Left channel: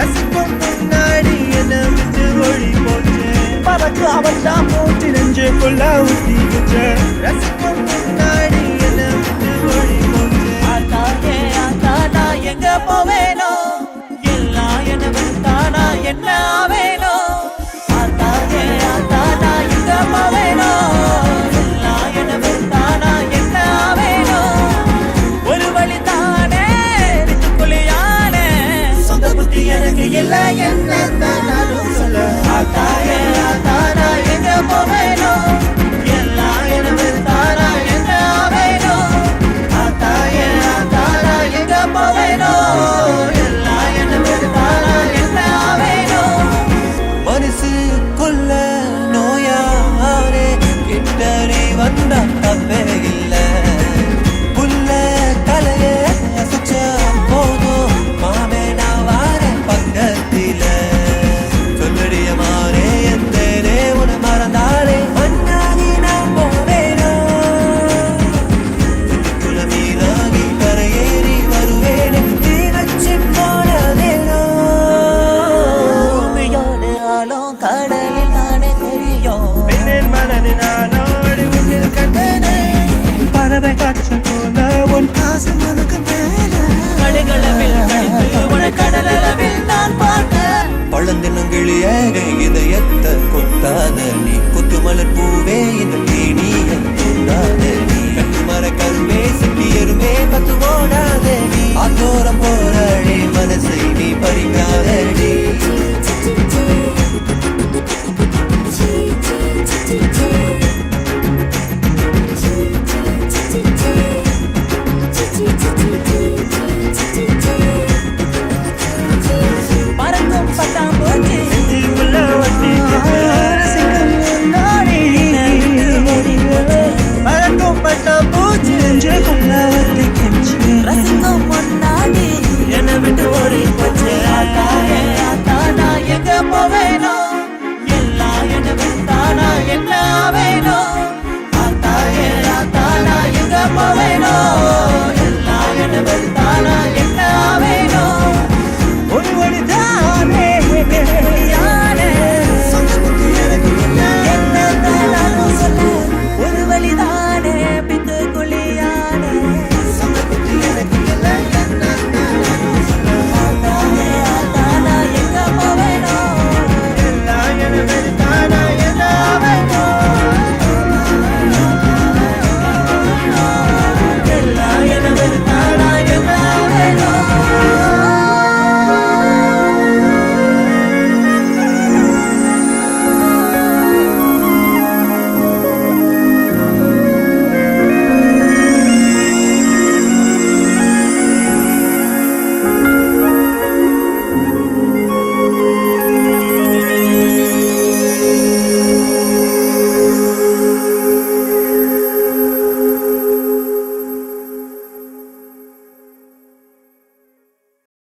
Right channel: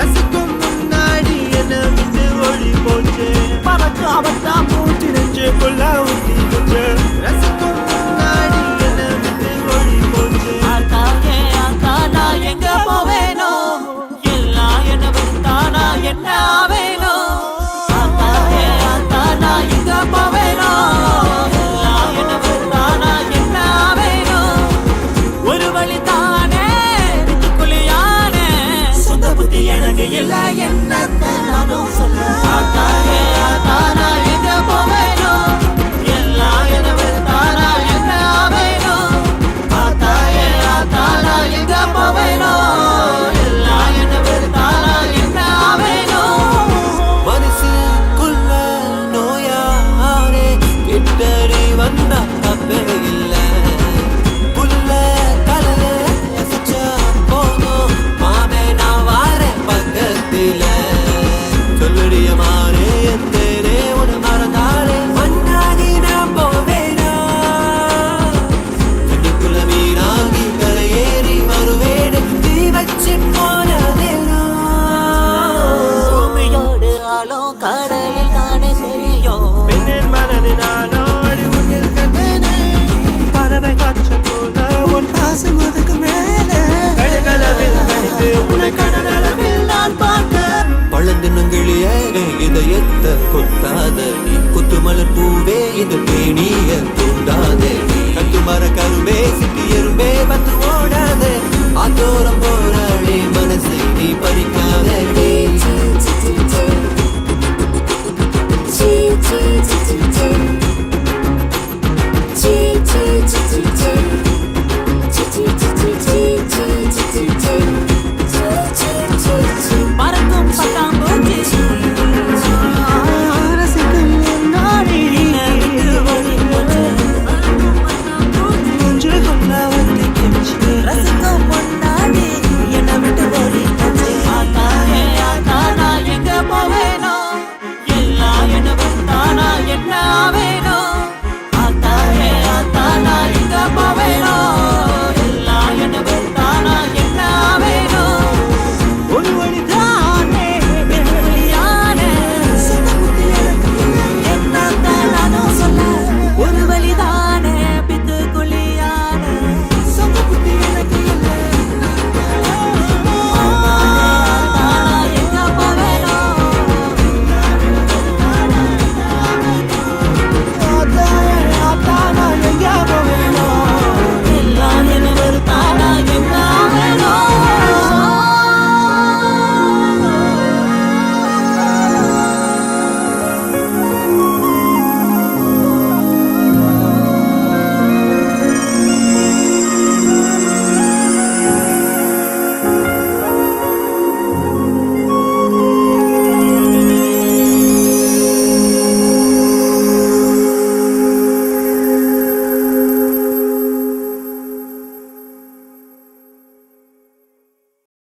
ரசிக்கும் முன்னாடி என்ன விட்டு ஒளி போச்சு பறக்கு அவத்தான் மூச்சு நெஞ்சுக்குள்ள ஊத்திக்கிச்சு ரசிக்கும் முன்னாடி என்ன விட்டு ஒளி போச்சு ஆத்தாயே ஆத்தா நான் எங்க போவேனோ எல்லாம் என்ன வெறுத்தானா என்ன ஆவேனோ ஆத்தாயே ஆத்தா நான் எங்க போவேனோ எல்லாம் என்ன வெறுத்தானா என்ன ஆவேனோ ஒரு வழி தானே வித்துக்குள்ளியானே சொந்த புத்தி எனக்கு இல்ல என்ன நானும் சொல்ல ஆத்தாயே ஆத்தா நான் எங்க போவேனோ எல்லாம் என்ன வெறுத்தானா என்ன ஆவேனோ ஆத்தாயே ஆத்தா நான் எங்க போவேனோ எல்லாம் என்ன வெறுத்தானா என்ன ஆவேனோ மனசுக்குள்ள நோயாரே கிட்டடி வந்தா தப்பே இல்ல புல்ல கலைய அசைச்ச போதும் மாமே நான் வாரேன் பக்கத்தில சொல்லடிய மாறே எந்தேனே உன மறந்தாலே மண்ணாகி நான் போவேனா துணிக்குள்ள மீனாகி கரையேறி வருவேனே தீ வச்சு போனதேனோ பூமியோடு ஆளும் கடலில் தானே தெரியும் பெண்ணின் மனதினாலோடி உன்னில் கண்டனே பறவை காய்ச்சல் போல உன் ஆசை மனக்கு மேலே கடலில் நான் பார்த்தேன் பழந்தினும் கிளியே இதயத்தை கொத்தாத நீ குத்துமலர் பூவே இந்த தேனி